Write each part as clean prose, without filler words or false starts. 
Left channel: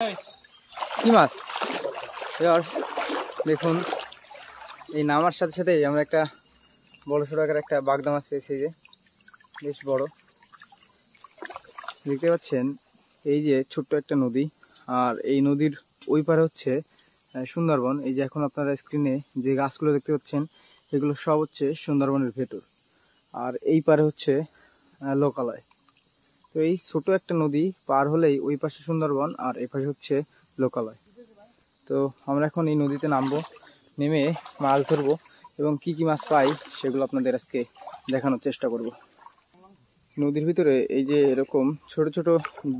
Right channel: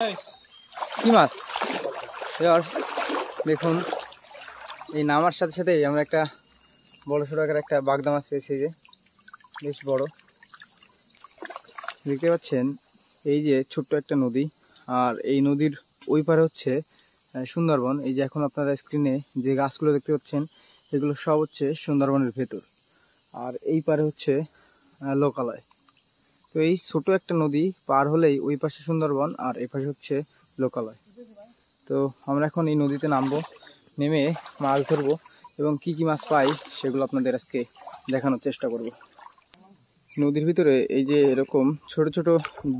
কি মাছ দেখুন, এই নামার সাথে সাথেই আমরা একটা বড় সড়ো আকার একটা বাগদা মাছ পেয়েছি। যে বেশ বড়, দেখতে পাচ্ছেন। এই যে ছোট্ট একটা নদী, আর এই নদীর ওই পারে হচ্ছে সুন্দরবন। এই যে এখন আপনারা স্ক্রিনে যে গাছগুলো দেখতে পাচ্ছেন, এগুলো সব হচ্ছে সুন্দরবনের ভেতর, আর এই পারে হচ্ছে লোকালয়। তো এই ছোট একটা নদী পার হলেই ওই পাশে সুন্দরবন, আর এই পাশে হচ্ছে লোকালয়। তো আমরা এখন এই নদীতে নামবো, নেমে মাছ ধরবো এবং কি কি মাছ পাই সেগুলো আপনাদের আজকে দেখানোর চেষ্টা করব। নদীর ভিতরে এই যে এরকম ছোট ছোট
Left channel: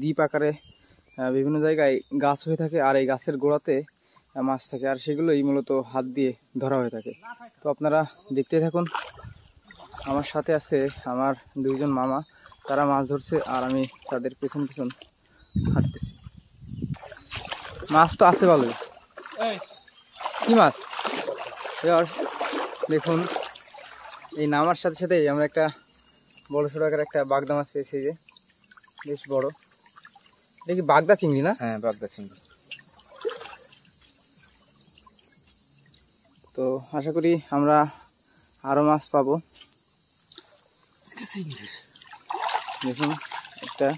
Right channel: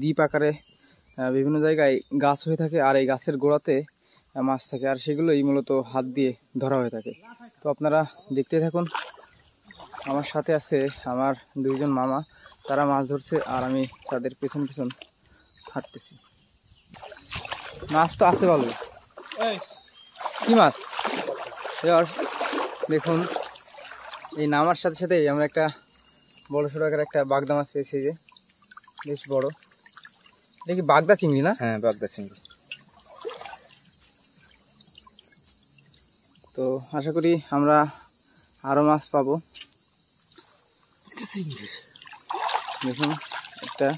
দ্বীপ আকারে বিভিন্ন জায়গায় গাছ হয়ে থাকে, আর এই গাছের গোড়াতে মাছ থাকে, আর সেগুলোই মূলত হাত দিয়ে ধরা হয়ে থাকে। তো আপনারা দেখতে থাকুন। আমার সাথে আছে আমার দুইজন মামা, তারা মাছ ধরছে আর আমি তাদের পেছন পেছন হাঁটতেছি। মাছ তো আছে ভালো। কি মাছ দেখুন, এই নামার সাথে সাথেই আমরা একটা বড় সড়ো আকার একটা বাগদা মাছ পেয়েছি। যে বেশ বড়, দেখি বাগদা চিংড়ি না? হ্যাঁ, বাগদা চিংড়ি। তো আশা করি আমরা আরো মাছ পাবো। দেখুন, একটা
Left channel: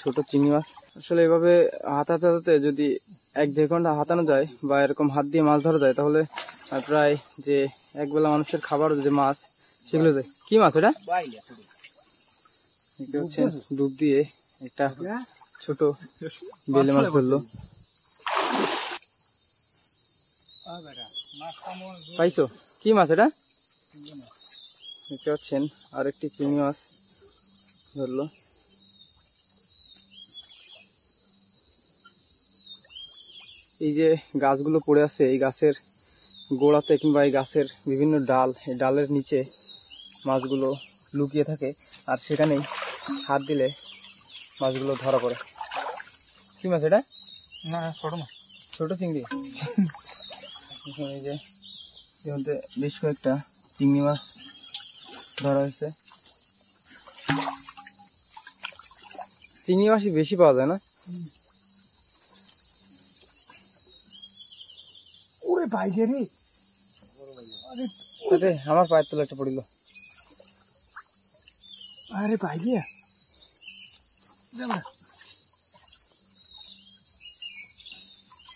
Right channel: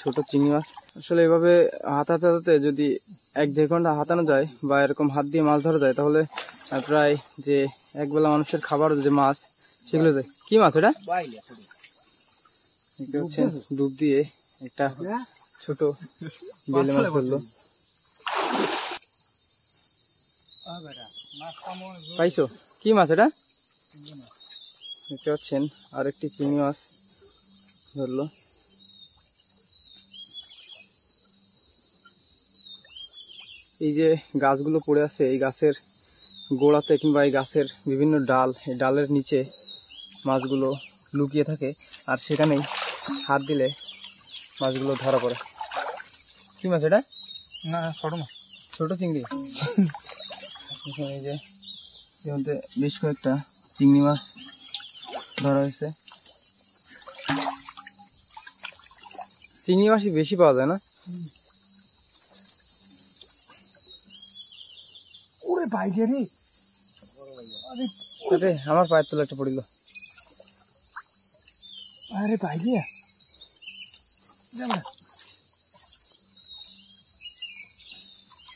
ছোট চিংড়ি মাছ। আসলে এভাবে হাতাতে হাতাতে যদি 1-1.5 ঘন্টা হাতানো যায় বা এরকম হাত দিয়ে মাছ ধরা যায়, তাহলে প্রায় যে একবেলা মানুষের খাবার যে মাছ সেগুলো যায়। কি মাছ এটা? দেখতে পাচ্ছেন, ডুব দিয়ে একটা ছোট বেলে মাছ ধরলো। পাইছো? কি মাছ এটা? দেখতে পাচ্ছেন, আর একটি চিংড়ি মাছ ধরলো। এই যে গাছগুলো পড়ে আছে, এই গাছের গোড়াতে কিংবা এই গাছের বিভিন্ন ডাল, এই ডালের নিচে মাছগুলো লুকিয়ে থাকে, আর সেখানেই হাত দিলে মাছগুলো ধরা পড়ে। কি মাছ এটা? না, ছোট মাছ, ছোট চিংড়ি। এই যে বেশ কয়েকটা চিংড়ি মাছ ধরা হয়েছে। চিংড়ি মাছই বেশি পাওয়া যায় না? আমার পায়ের তলা একটা পড়িল। আরে বাইরে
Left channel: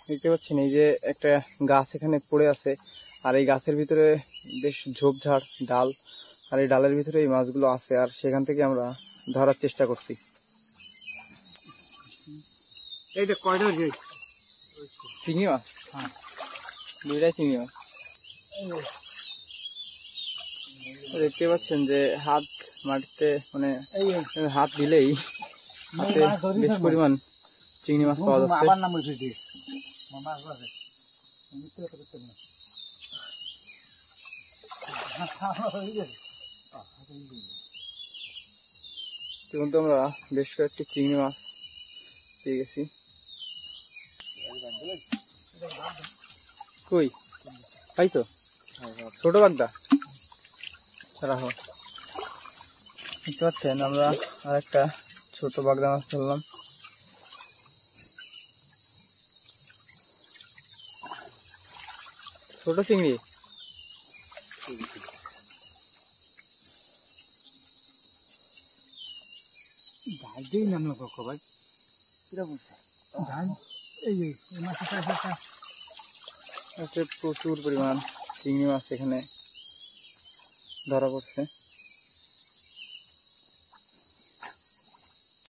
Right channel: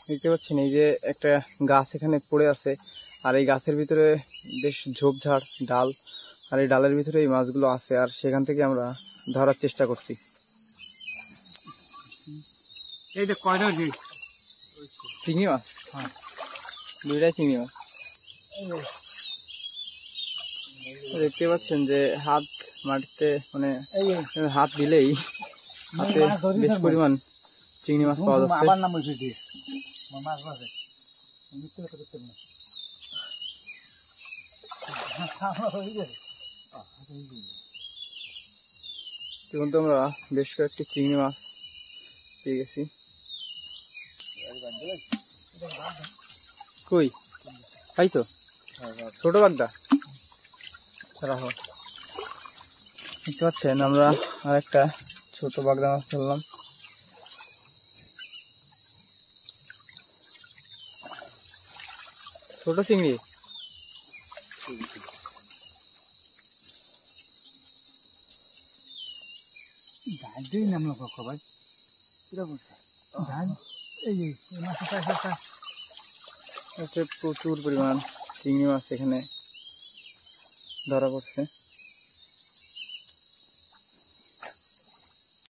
দেখতে পাচ্ছেন, এই যে একটা গাছ এখানে পড়ে আছে, আর এই গাছের ভিতরে বেশ ঝোপঝাড় ডাল, আর এই ডালের ভিতরে এই মাছগুলো আছে, আর সেখান থেকে আমরা ধরার চেষ্টা করছি। এই যে কয়টা চিংড়ি মাছ? হ্যাঁ, দুইটাই চিংড়ি মাছ। দেখতে পাচ্ছেন যে হাত মাটিতে, মানে হাত দিলেই হাতে বেশ পরিমাণ চিংড়ি মাছ পাওয়া যাচ্ছে। কিন্তু আমরা বেশ কয়েকটি চিংড়ি মাছ পেয়ে গেছি। কই পাইছো? ছোট বাগদা রাখো। দেখতে পাচ্ছেন, আমরা আর একটা ছোট বাগদা মাছ ধরলাম। ছোট চিংড়ি। প্রচুর পরিমাণ চিংড়ি মাছ এখানে ধরা পড়ছে।